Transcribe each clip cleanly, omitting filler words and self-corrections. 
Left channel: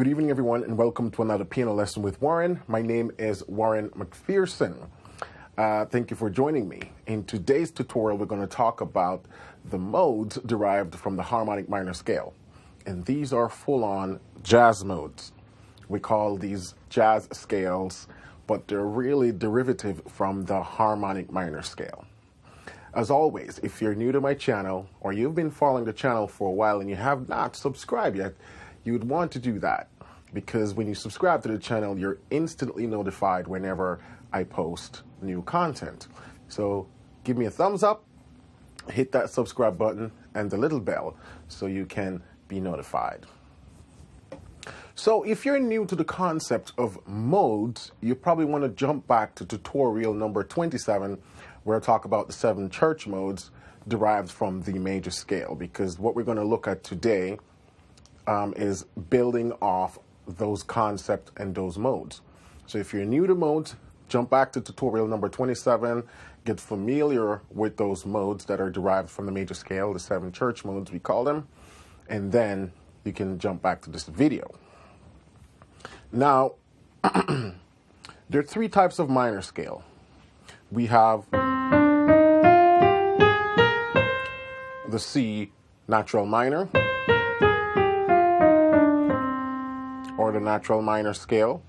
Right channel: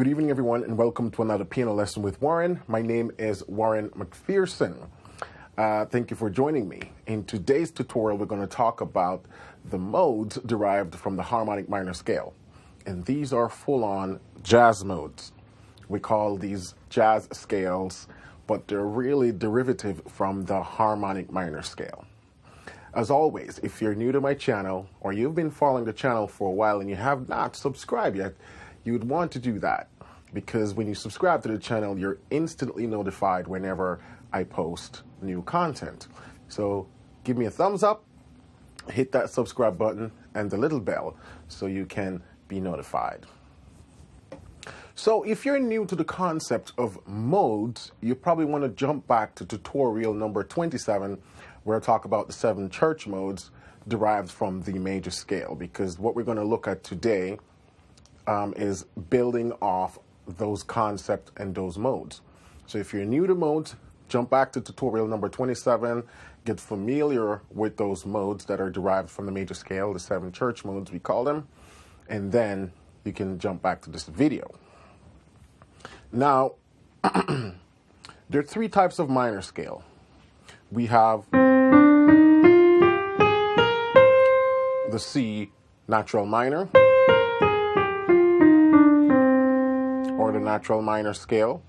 Good evening, everyone, and welcome to another piano lesson with Warren. My name is Warren McPherson. Thank you for joining me. In today's tutorial, we're going to talk about the modes derived from the harmonic minor scale. And these are full-on jazz modes. We call these jazz scales, but they're really derivative from the harmonic minor scale. As always, if you're new to my channel or you've been following the channel for a while and you have not subscribed yet, you would want to do that, because when you subscribe to the channel, you're instantly notified whenever I post new content. So give me a thumbs up, hit that subscribe button and the little bell so you can be notified. So if you're new to the concept of modes, you probably want to jump back to tutorial number 27, where I talk about the 7 church modes derived from the major scale, because what we're going to look at today is building off those concepts and those modes. So if you're new to modes, jump back to tutorial number 27, get familiar with those modes that are derived from the major scale, the 7 church modes we call them, and then you can jump back to this video. Now, there are 3 types of minor scale. We have the C natural minor, or the natural minor scale.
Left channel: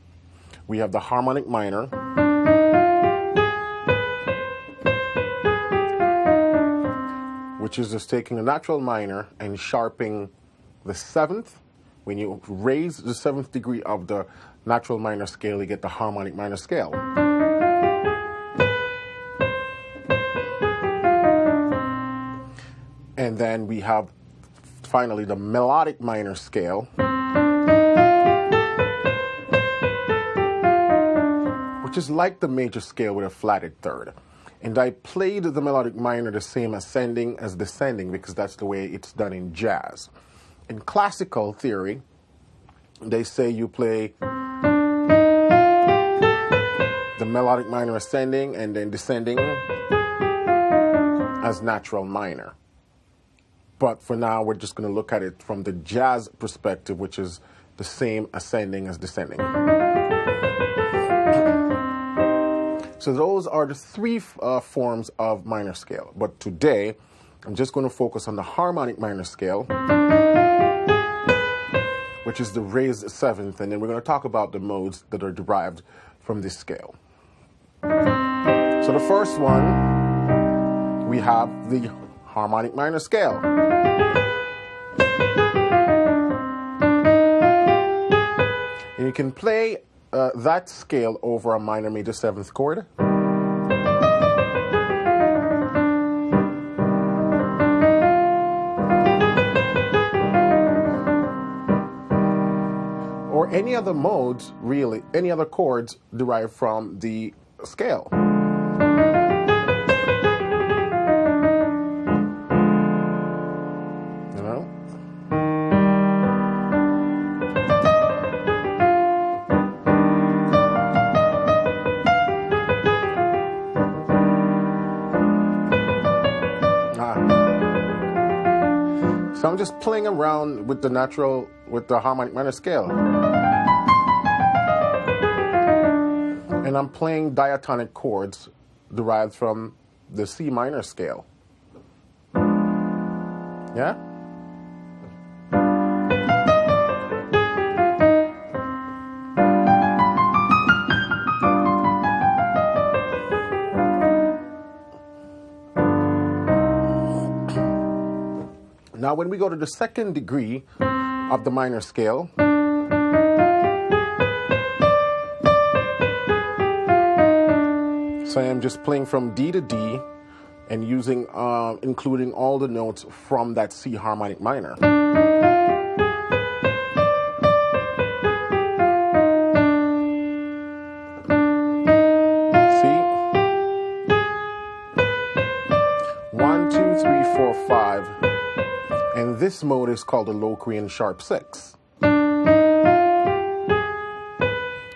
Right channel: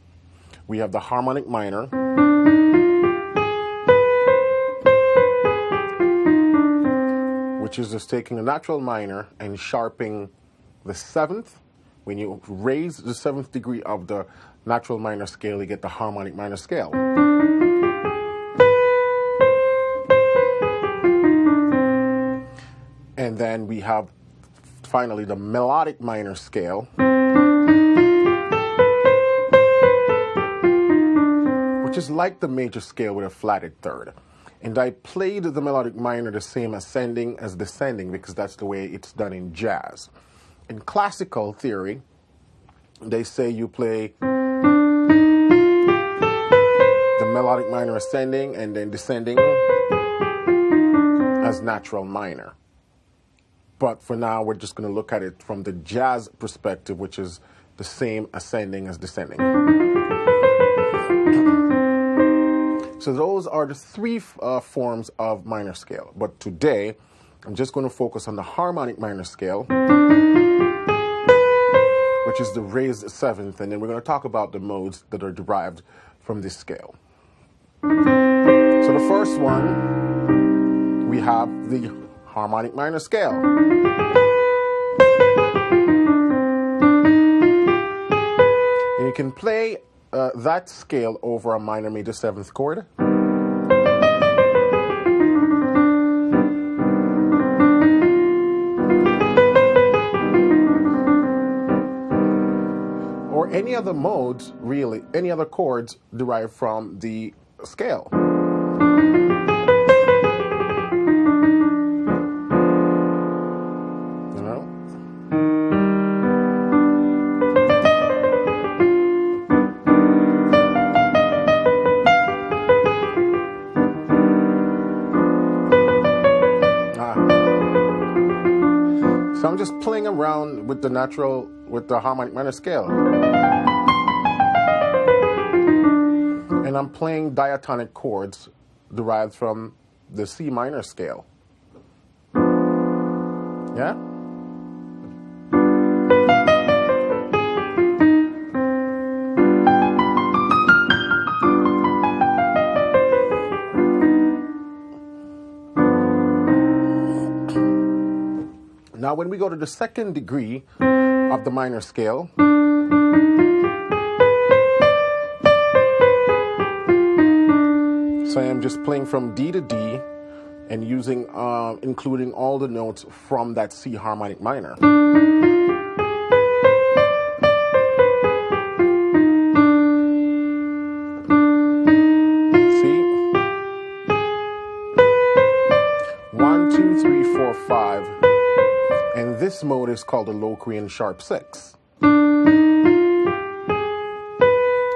We have the harmonic minor, which is just taking a natural minor and sharpening the 7th. When you raise the 7th degree of the natural minor scale, you get the harmonic minor scale. And then we have finally the melodic minor scale, which is like the major scale with a flatted third. And I played the melodic minor the same ascending as descending because that's the way it's done in jazz. In classical theory, they say you play the melodic minor ascending and then descending as natural minor. But for now, we're just going to look at it from the jazz perspective, which is the same ascending as descending. So those are the 3 forms of minor scale. But today, I'm just going to focus on the harmonic minor scale, which is the raised 7th, and then we're going to talk about the modes that are derived from this scale. So the first one, we have the harmonic minor scale. And you can play that scale over a minor major 7th chord. Or any other modes, really, any other chords derived from the scale. You know? So I'm just playing around with the harmonic minor scale. And I'm playing diatonic chords derived from the C minor scale. Yeah? Now, when we go to the 2nd degree of the minor scale, so I am just playing from D to D and using, including all the notes from that C harmonic minor. See? 1, 2, 3, 4, 5. And this mode is called the Locrian sharp 6.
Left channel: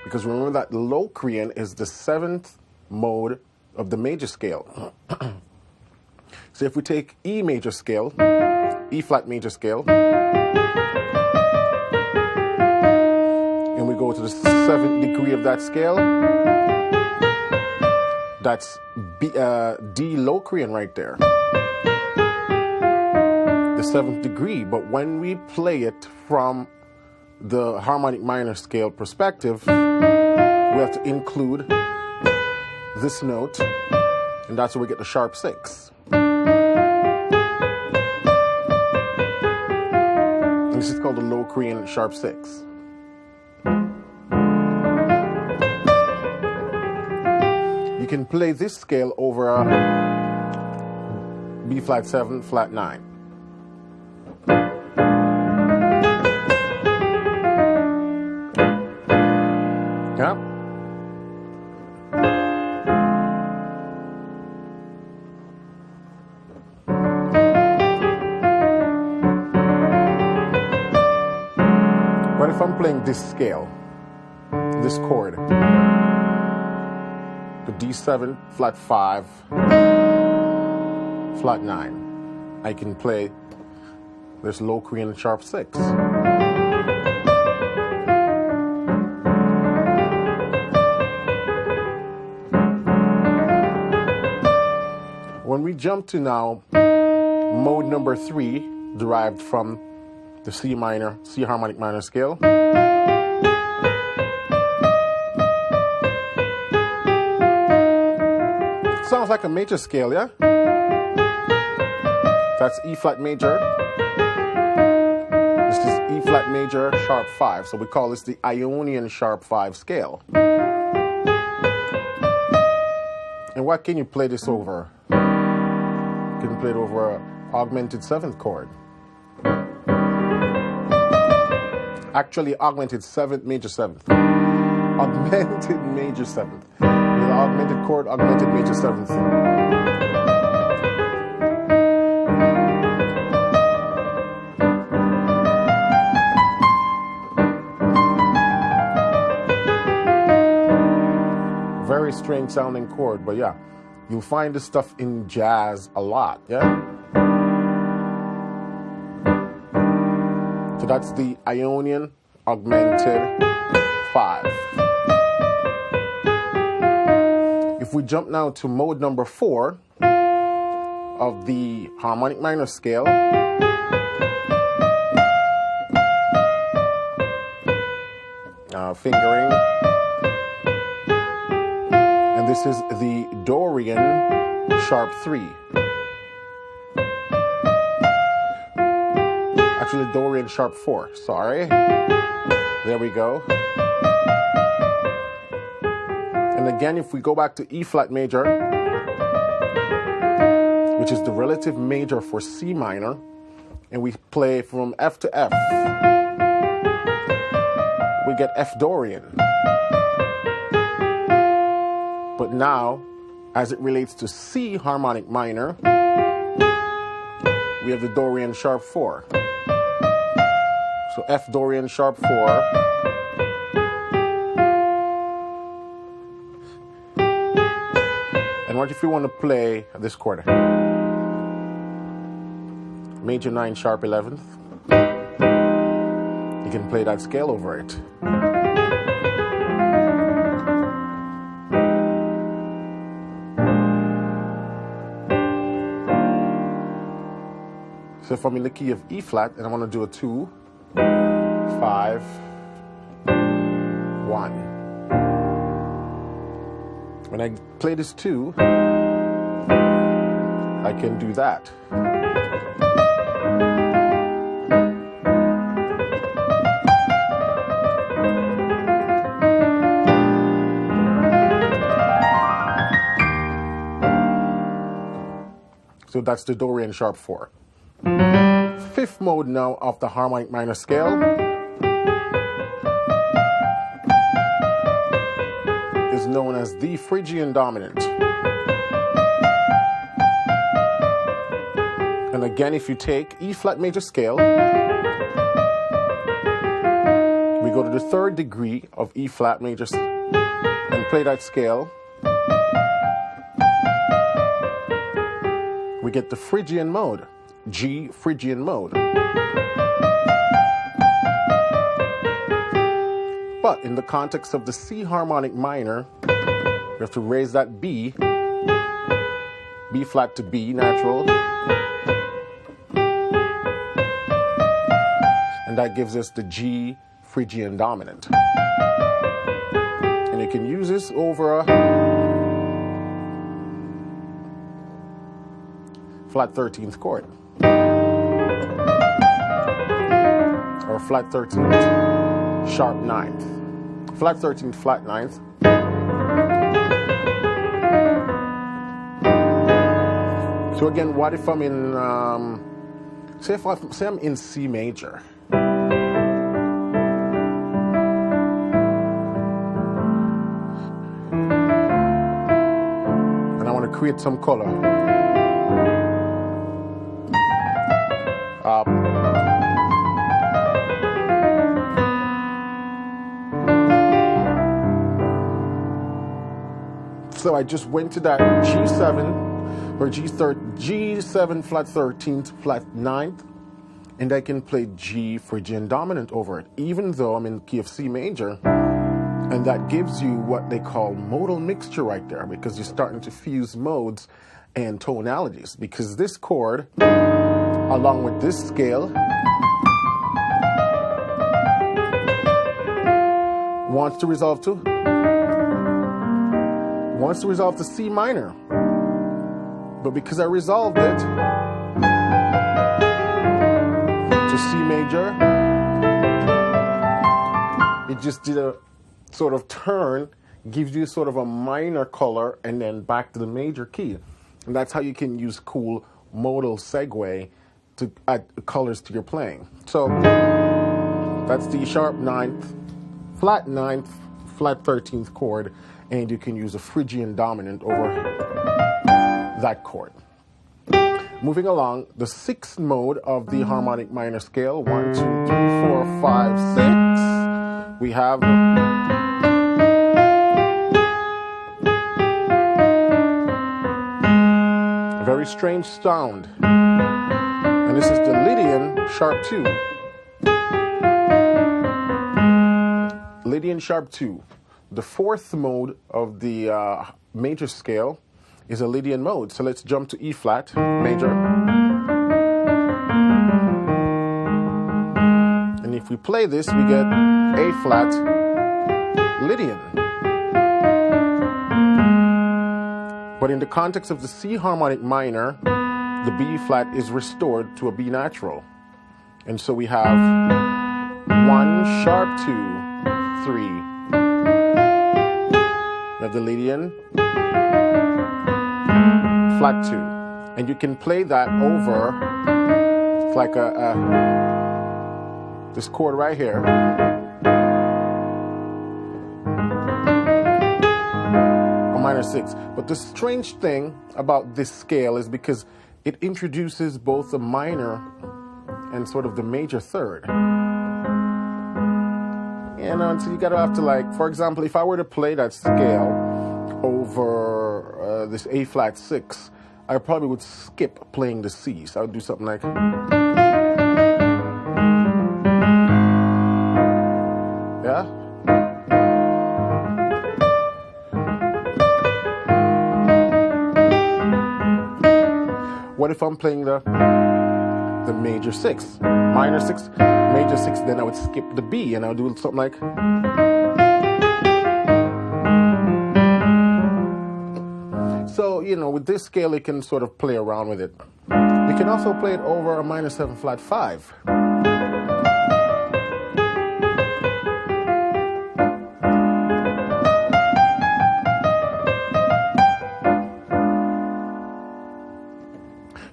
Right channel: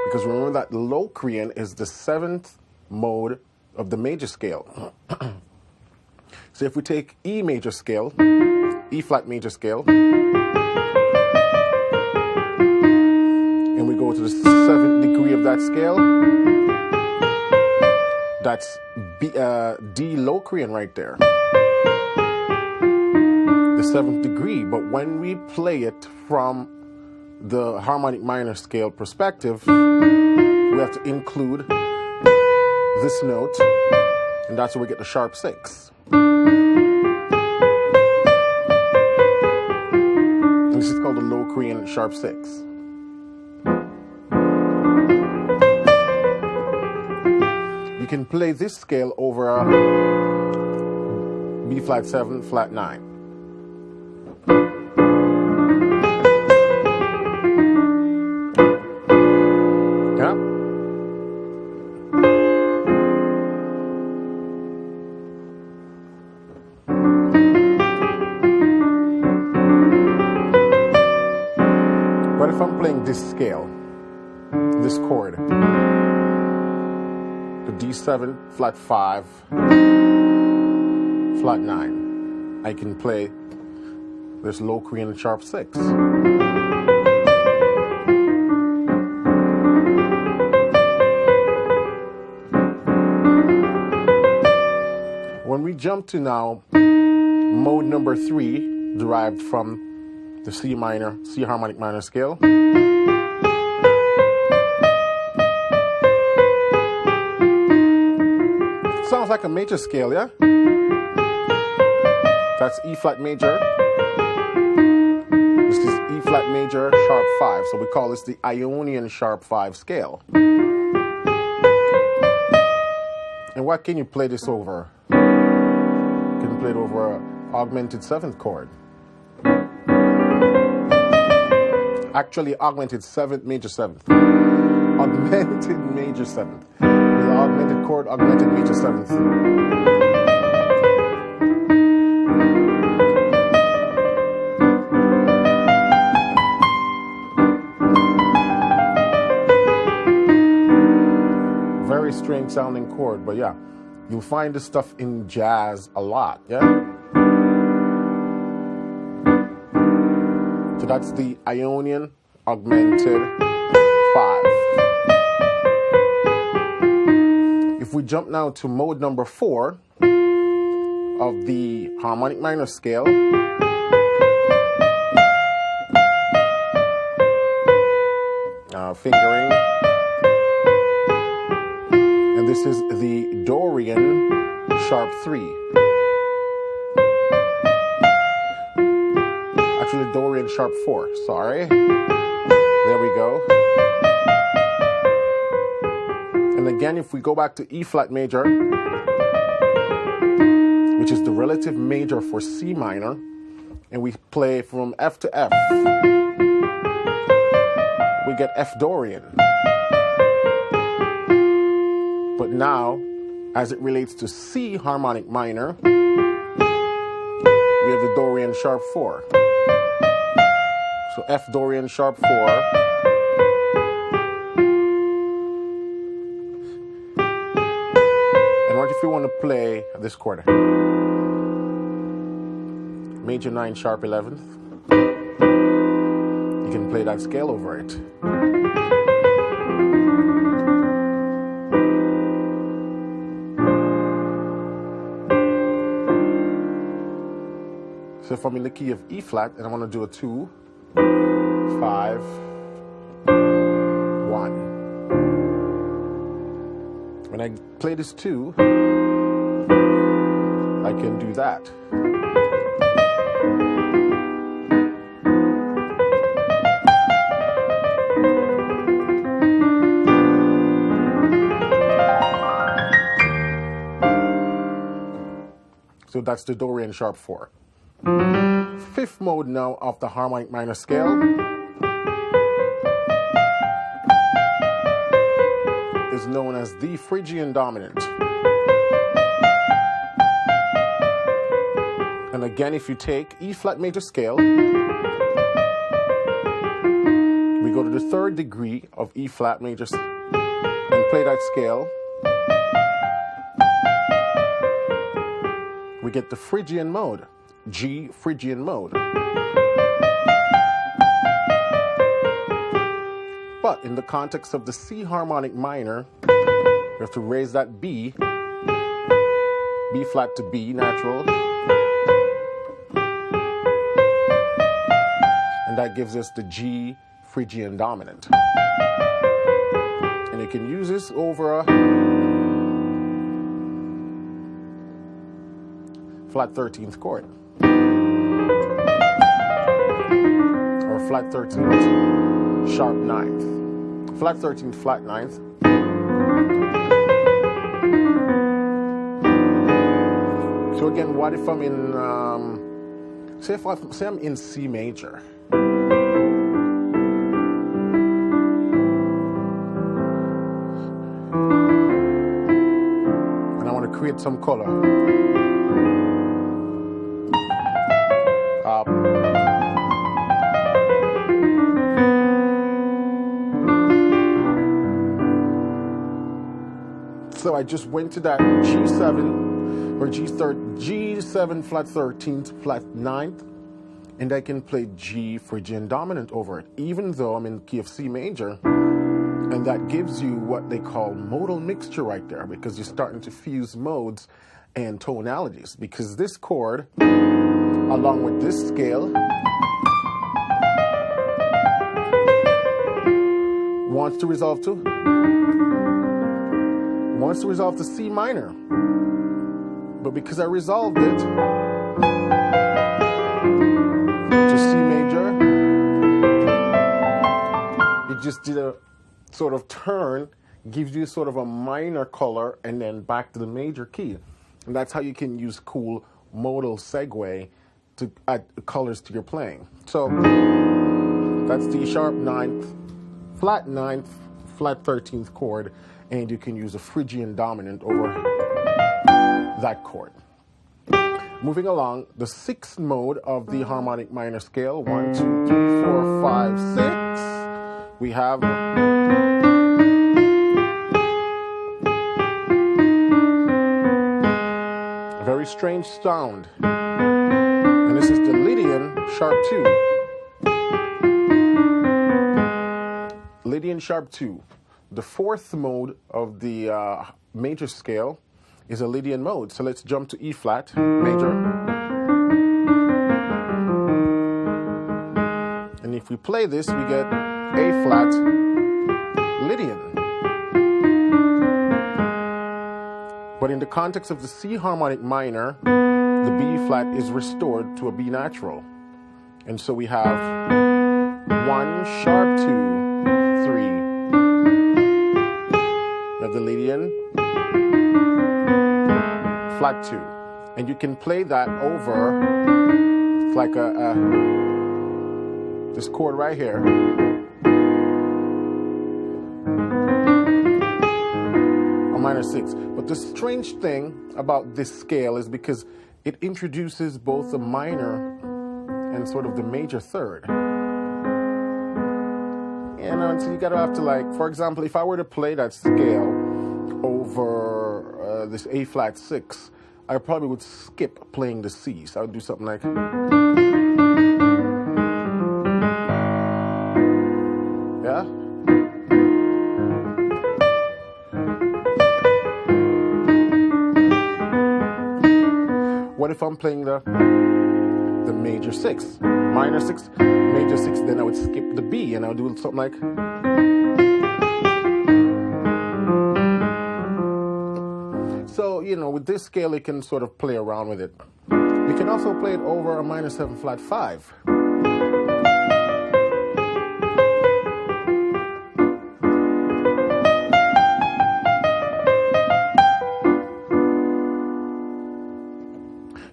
Because remember that Locrian is the 7th mode of the major scale. So if we take E major scale, E flat major scale, and we go to the 7th degree of that scale. That's D Locrian right there. The 7th degree, but when we play it from the harmonic minor scale perspective, we have to include this note, and that's where we get the sharp 6. And this is called the Locrian sharp 6. You can play this scale over a B flat 7, flat 9. Yeah. What if I'm playing this scale, this chord, the D7, flat 5, flat 9? I can play this Locrian sharp 6. When we jump to now mode number 3, derived from the C harmonic minor scale, sounds like a major scale, yeah? That's E flat major. This is E flat major sharp 5, so we call this the Ionian sharp 5 scale. And what can you play this over? You can play it over an augmented 7th chord. Actually, augmented 7th, major 7th. Augmented major 7th. With augmented chord, augmented major 7th. Very strange sounding chord, but yeah, you'll find this stuff in jazz a lot, yeah? So that's the Ionian augmented 5. If we jump now to mode number 4 of the harmonic minor scale, fingering, and this is the Dorian sharp 3. Actually, Dorian sharp 4, sorry. There we go. And again, if we go back to E flat major, which is the relative major for C minor, and we play from F to F, we get F Dorian. But now, as it relates to C harmonic minor, we have the Dorian sharp 4. So F Dorian sharp 4. And what if we want to play this chord? Major 9 sharp 11th. You can play that scale over it. So if I'm in the key of E flat and I want to do a 2, 5, 1. When I play this 2, I can do that. So that's the Dorian sharp 4. 5th mode now of the harmonic minor scale is known as the Phrygian dominant. And again, if you take E flat major scale, we go to the 3rd degree of E flat major and play that scale. We get the Phrygian mode, G Phrygian mode. But in the context of the C harmonic minor, we have to raise that B flat to B natural, and that gives us the G Phrygian dominant. And you can use this over a flat 13th chord, or flat 13th sharp 9th, flat 13th flat 9th. So again, what if I'm in, say I'm in C major, and I want to create some color. So I just went to that G7 or G7 flat 13th flat 9th, and I can play G Phrygian dominant over it, even though I'm in key of C major. And that gives you what they call modal mixture right there, because you're starting to fuse modes and tonalities, because this chord, along with this scale, wants to resolve to C minor. But because I resolved it to C major, it just did a sort of turn, gives you sort of a minor color, and then back to the major key. And that's how you can use cool modal segue to add colors to your playing. So that's the sharp 9th, flat 9th, flat 13th chord, and you can use a Phrygian dominant over that chord. Moving along, the 6th mode of the harmonic minor scale, 1, 2, 3, 4, 5, 6. We have a very strange sound, and this is the Lydian sharp 2. Lydian sharp 2. The 4th mode of the major scale is a Lydian mode. So let's jump to E flat major. And if we play this, we get A flat Lydian. But in the context of the C harmonic minor, the B flat is restored to a B natural. And so we have 1 sharp 2, 3. We have the Lydian flat 2, and you can play that over, it's like this chord right here, a minor 6. But the strange thing about this scale is because it introduces both the minor and sort of the major third. And so you gotta have to, like, for example, if I were to play that scale over this A flat 6, I probably would skip playing the C. So I would do something like, yeah. What if I'm playing the major 6, minor 6, major 6? Then I would skip the B and I would do something like. So, you know, with this scale, you can sort of play around with it. You can also play it over a minor 7 flat 5.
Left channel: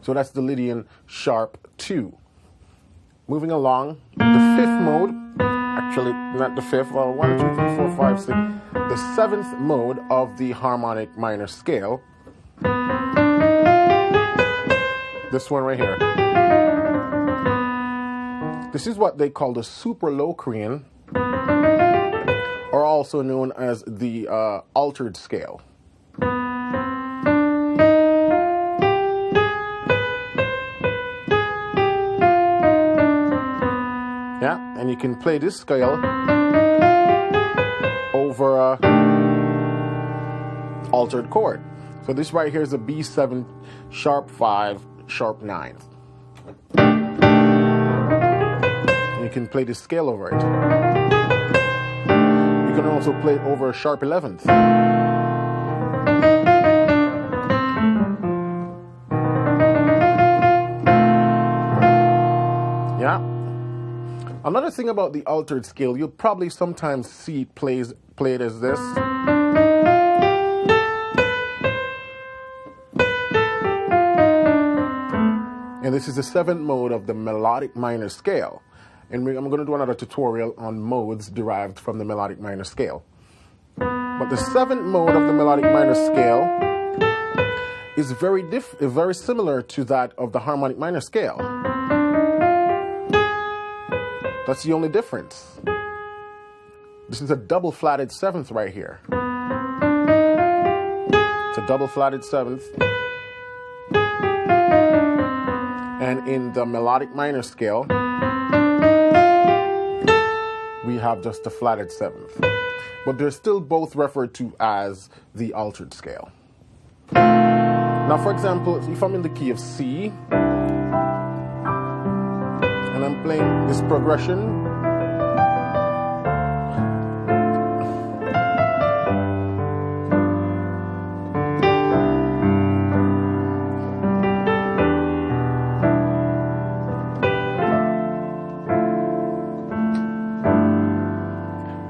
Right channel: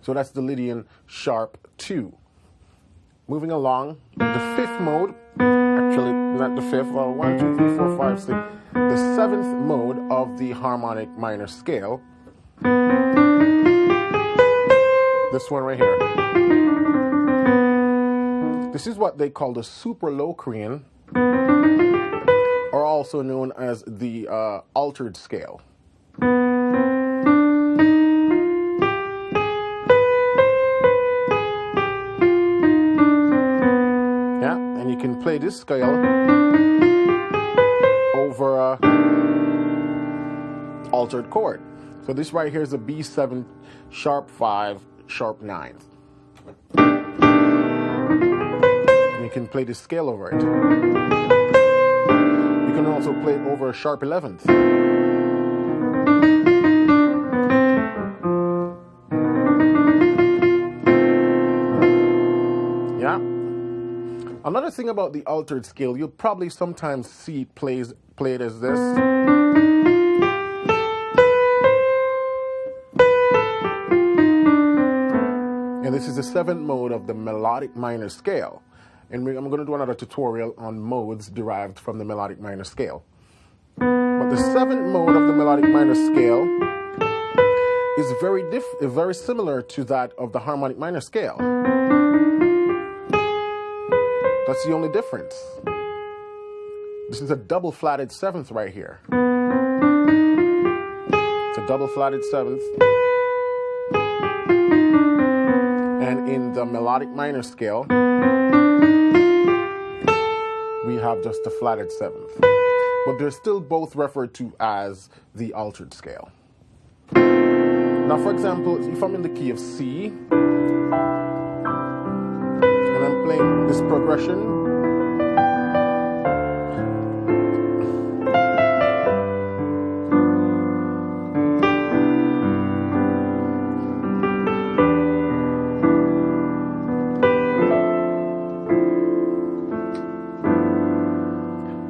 So that's the Lydian sharp 2. Moving along, the 5th mode, actually not the 5th, 1, 2, 3, 4, 5, 6, the 7th mode of the harmonic minor scale. This one right here. This is what they call the super Locrian, or also known as the altered scale. Yeah, and you can play this scale over a altered chord. So this right here is a B7 sharp 5 sharp 9. And you can play the scale over it. You can also play it over a sharp 11th. Yeah. Another thing about the altered scale, you'll probably sometimes see it played as this. And this is the 7th mode of the melodic minor scale. And I'm going to do another tutorial on modes derived from the melodic minor scale. But the 7th mode of the melodic minor scale is very similar to that of the harmonic minor scale. That's the only difference. This is a double flatted 7th right here. It's a double flatted 7th. And in the melodic minor scale, we have just a flatted 7th. But they're still both referred to as the altered scale. Now, for example, if I'm in the key of C, and I'm playing this progression,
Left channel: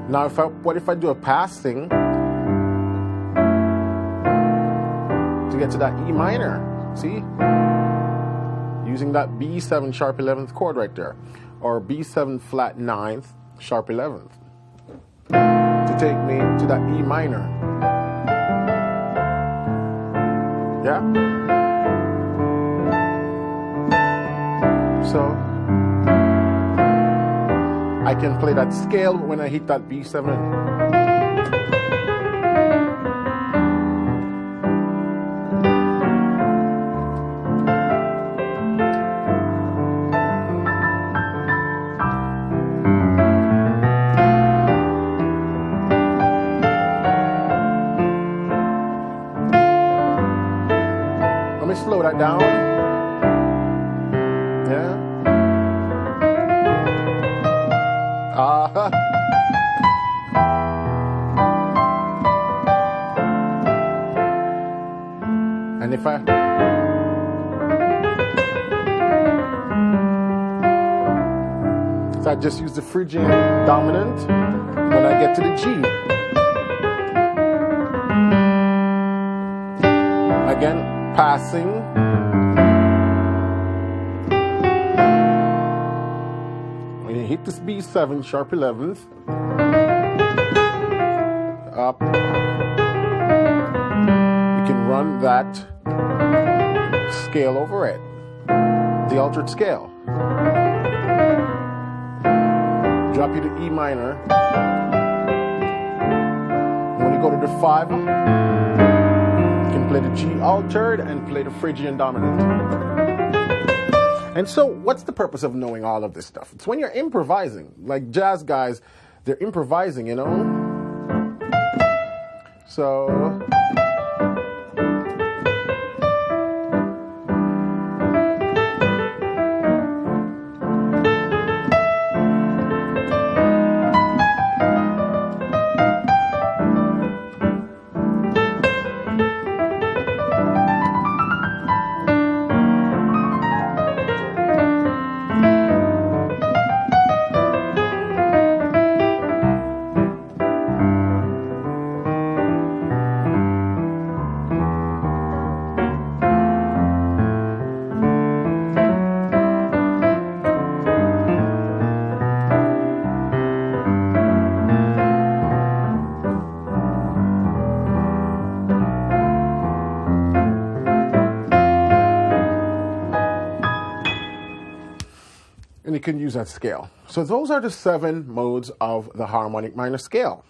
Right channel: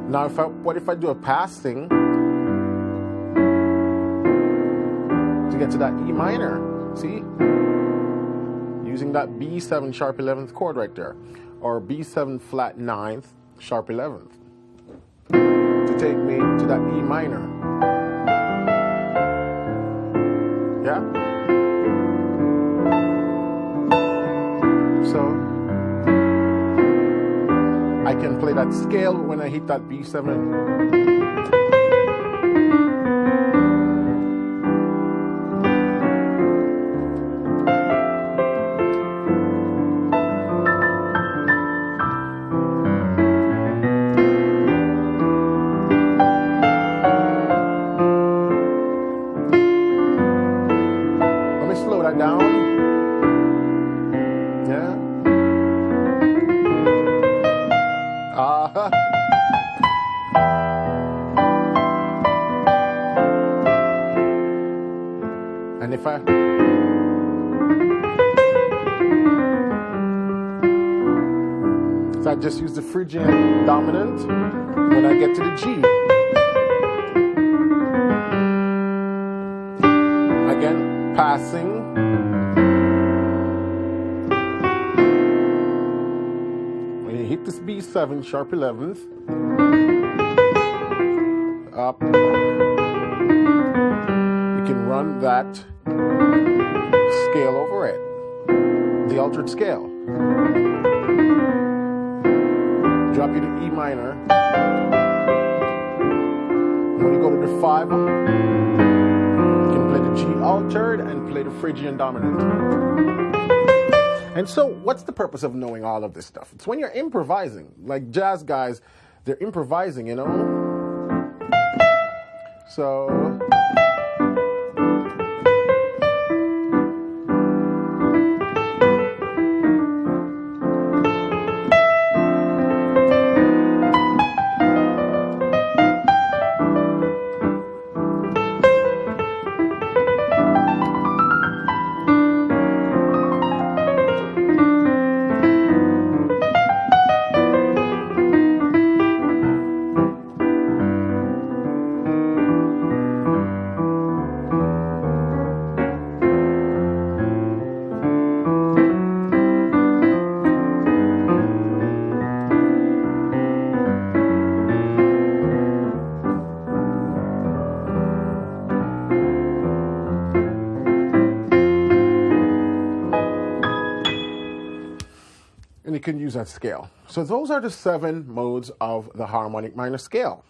now, what if I do a passing to get to that E minor? See? Using that B7 sharp 11th chord right there, or B7 flat 9th sharp 11th, to take me to that E minor. Yeah? So I can play that scale when I hit that B7. Let me slow that down. Yeah. And if I just use the Phrygian dominant when I get to the G. Again, passing. When you hit this B7 sharp 11th, up, you can run that scale over it, the altered scale. Drop you to E minor. When you go to the 5, you can play the G altered and play the Phrygian dominant. And so, what's the purpose of knowing all of this stuff? It's when you're improvising. Like jazz guys, they're improvising, you know? So and you can use that scale. So those are the 7 modes of the harmonic minor scale.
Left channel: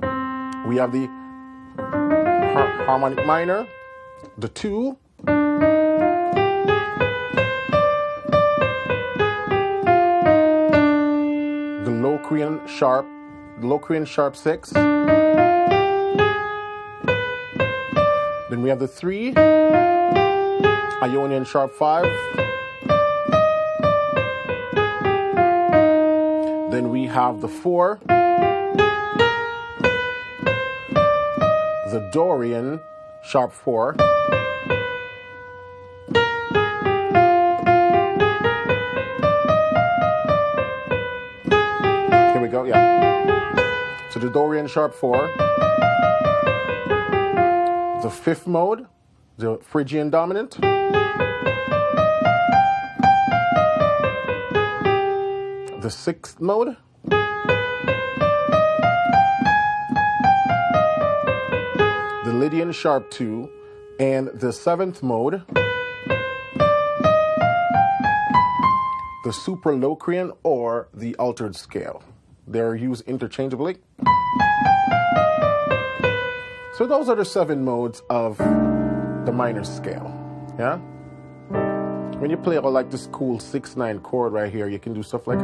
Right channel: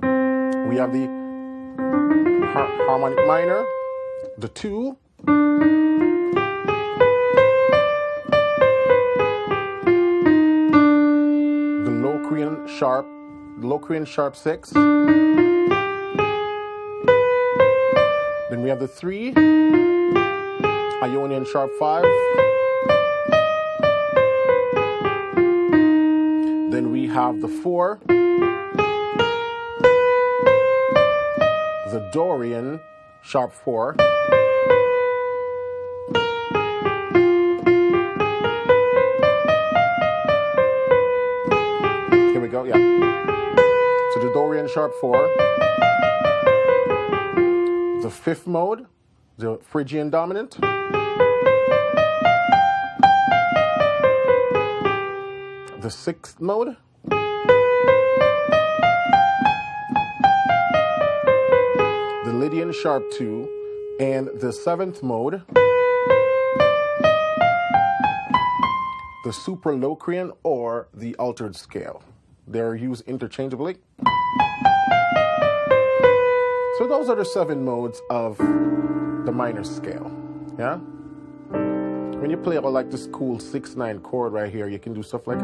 We have the harmonic minor, the 2, the Locrian sharp 6, Then we have the 3, Ionian sharp 5. Then we have the 4, the Dorian sharp 4. Here we go, yeah. So the Dorian sharp 4. The 5th mode, the Phrygian dominant. The 6th mode. The Lydian sharp 2. And the 7th mode, the super Locrian or the altered scale. They're used interchangeably. So those are the 7 modes of the minor scale, yeah? When you play like this cool 6/9 chord right here, you can do stuff like...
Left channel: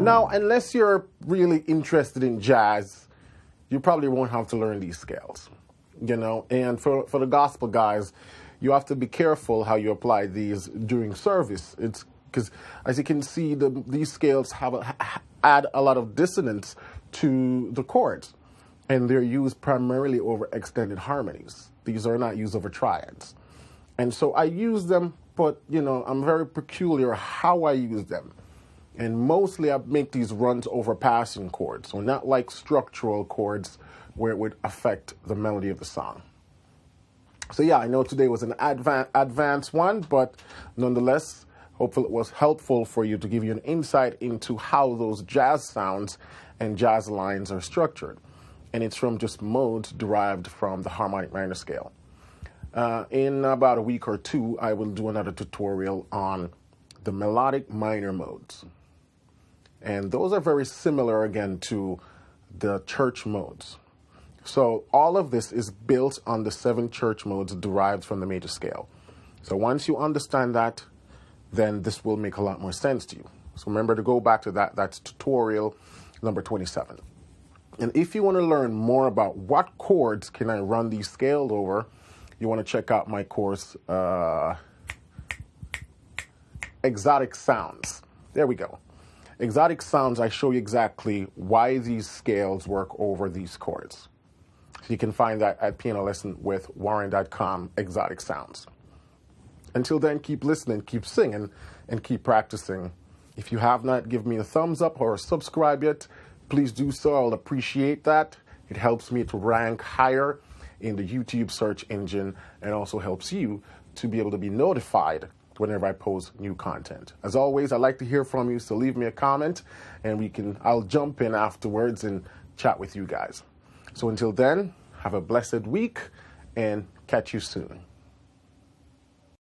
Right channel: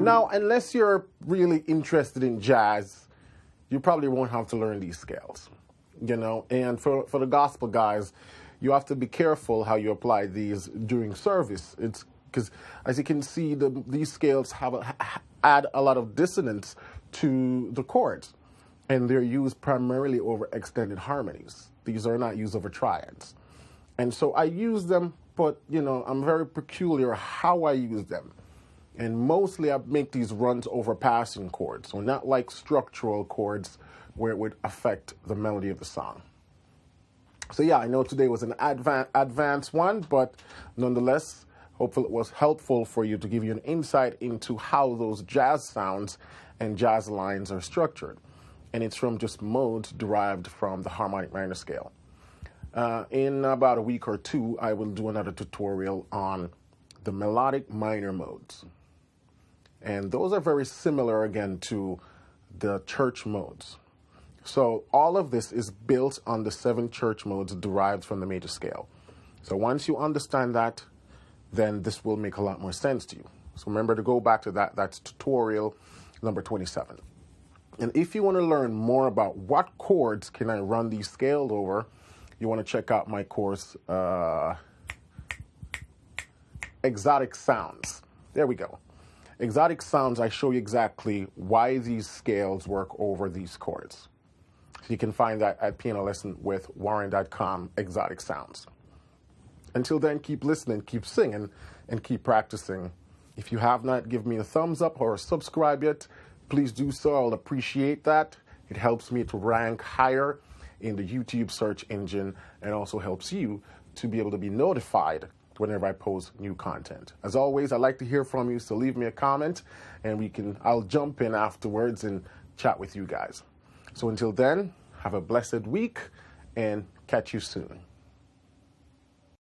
Now, unless you're really interested in jazz, you probably won't have to learn these scales, you know? And for the gospel guys, you have to be careful how you apply these during service. It's because, as you can see, these scales add a lot of dissonance to the chords, and they're used primarily over extended harmonies. These are not used over triads. And so I use them, but, you know, I'm very peculiar how I use them. And mostly I make these runs over passing chords, so not like structural chords where it would affect the melody of the song. So yeah, I know today was an advanced one, but nonetheless, hopefully it was helpful for you to give you an insight into how those jazz sounds and jazz lines are structured. And it's from just modes derived from the harmonic minor scale. In about a week or 2, I will do another tutorial on the melodic minor modes. And those are very similar, again, to the church modes. So all of this is built on the 7 church modes derived from the major scale. So once you understand that, then this will make a lot more sense to you. So remember to go back to that. That's tutorial number 27. And if you want to learn more about what chords can I run these scales over, you want to check out my course, Exotic Sounds. There we go. Exotic Sounds, I show you exactly why these scales work over these chords. So you can find that at pianolessonwithwarren.com, Exotic Sounds. Until then, keep listening, keep singing, and keep practicing. If you have not given me a thumbs up or a subscribe yet, please do so. I'll appreciate that. It helps me to rank higher in the YouTube search engine and also helps you to be able to be notified whenever I post new content. As always, I'd like to hear from you, so leave me a comment and I'll jump in afterwards and chat with you guys. So until then, have a blessed week and catch you soon.